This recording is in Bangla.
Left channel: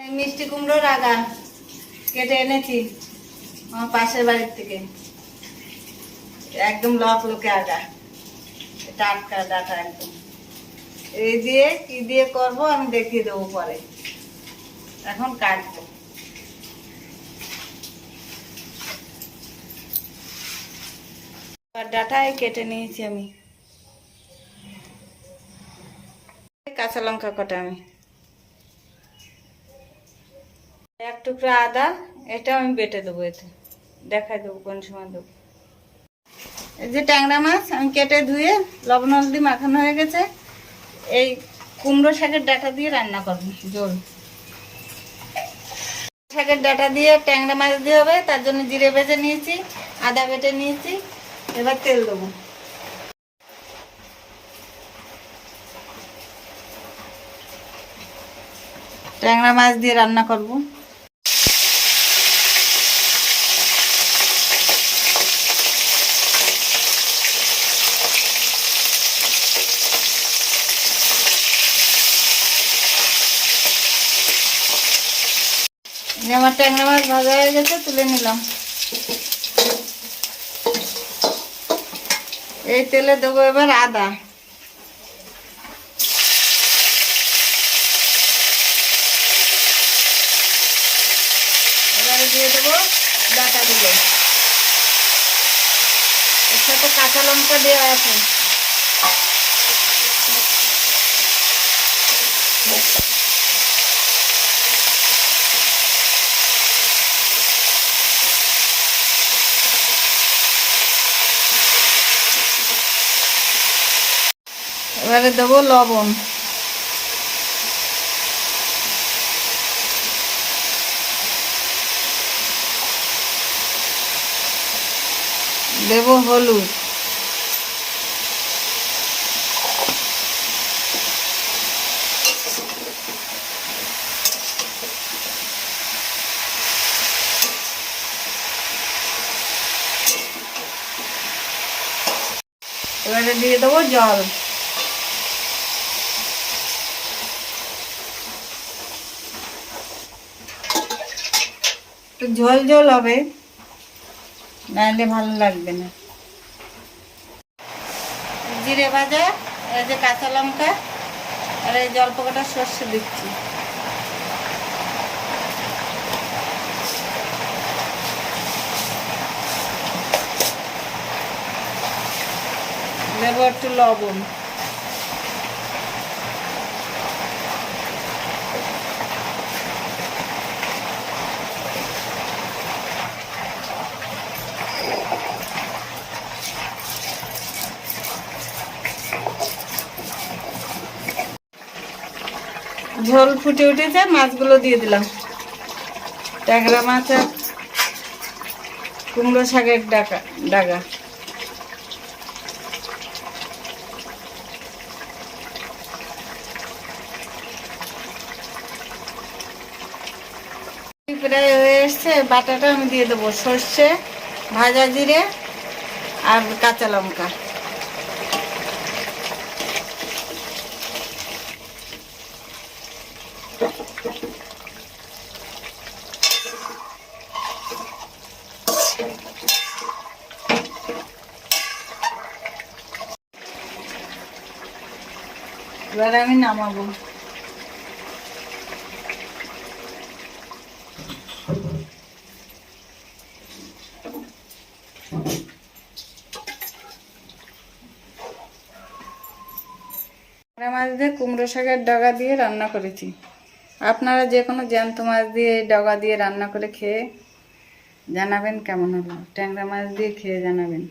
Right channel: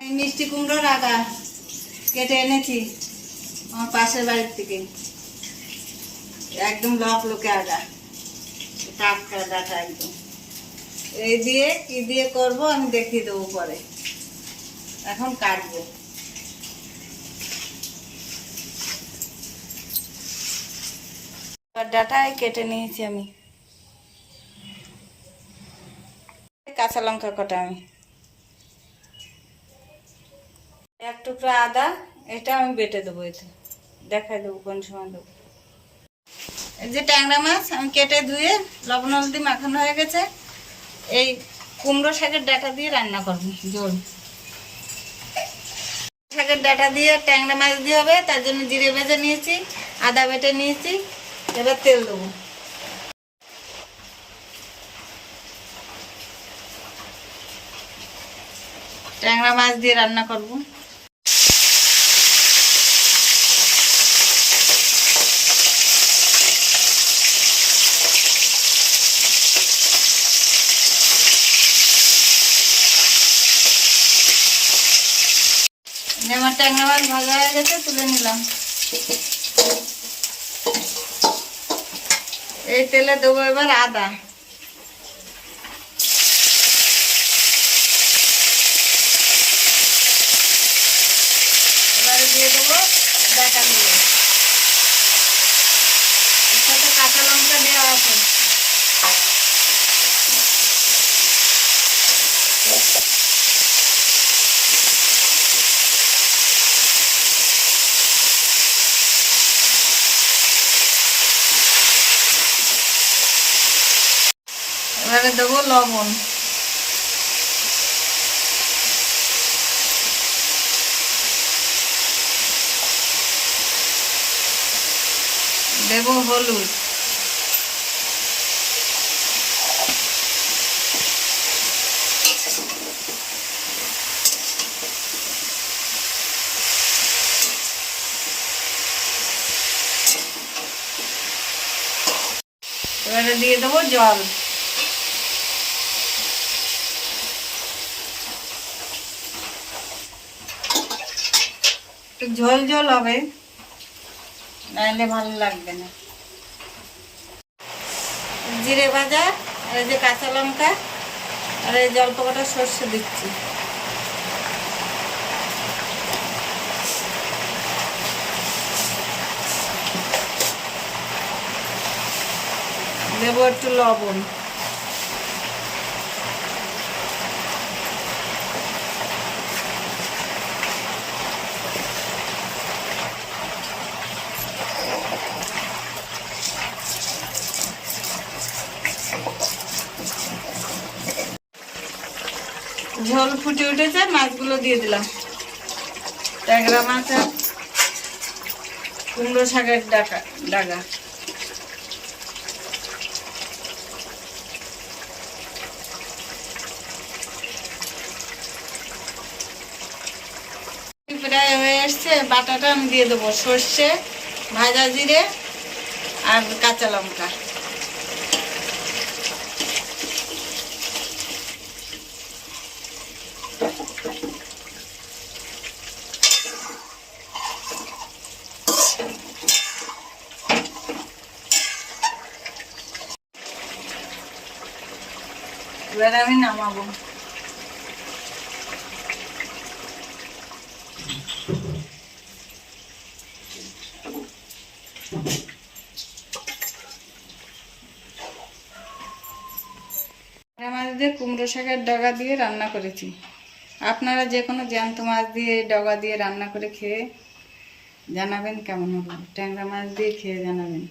এই মিষ্টি কুমড়োর আগা কেটে এনেছি আমার পাশের বাড়ির থেকে, একদম লকে আগা, টাটকা ডাটা একদম। এই দিয়ে কি দিয়ে করব আমি দেখিয়ে দেবো পরে, এখন কাটবো। ডাটায় কেটে নিয়েছি আমি, কাঁচা লঙ্কা কটা, আমি এক টুকরা আদা, এটা আমি বেটে দেবো, এতে দেখাই দেবো কোন সময় দেবো। এই যে ট্যাংরা মাছ আমি কেটে ধুয়ে লবণ হলদি মাখানো হয়ে গেছে, এই কুমড়ো শাকের ডাঁটা দিয়ে রান্না করবো ঝোল। শাকের ডাঁটা দিয়ে ট্যাংরা মাছ দিয়ে হবে, তার জন্য জিরে ভেজে নিয়েছি, আদা বেটে নিয়েছি, এবার তেল দেবো। ট্যাংরা মাছ দিয়ে রান্না করব। আমার ট্যাংরা মাছ ভাজা হয়ে গেছে, তুলে নিলাম। এই তেলে দেবো এবার আদা, এবারে দিয়ে দেবো ডাঁটাগুলো, এর সাথে কাঁচা লঙ্কা দেওয়া আছে। এবারে দেবো লবণ, দেবো হলুদ, এবারে দিয়ে দেবো জল, একটু ঝোল ঝোল হবে, নাহলে ভালো লাগবে না। জিরে ভাজা, এই যে কাঁচা লঙ্কা, আর এই অল্প কটা সর্ষে দিচ্ছি। দেবো একটু লবণ, ঝোল ফুটে উঠেছে, মাছগুলো দিয়ে দিলাম। ট্যাংরা মাছ আর কুমড়ো শাকের ডাগা। প্রায় হয়ে এসছে, বাটাটা আমি দিয়ে দেবো, সর্ষে, ভাজা জিরে আর কাঁচা লঙ্কা। এবার আমি নামাবো। মাছ দিয়ে কুমড়ো শাকের ডগা দিয়ে রান্না করেছি। আপনারা যে কোনো জ্যান্ত মাছ দিয়ে এই ডগা দিয়ে রান্না করে খেয়ে জানাবেন কেমন হলো। ট্যাংরা মাছ দিয়ে খেয়ে জানাবেন।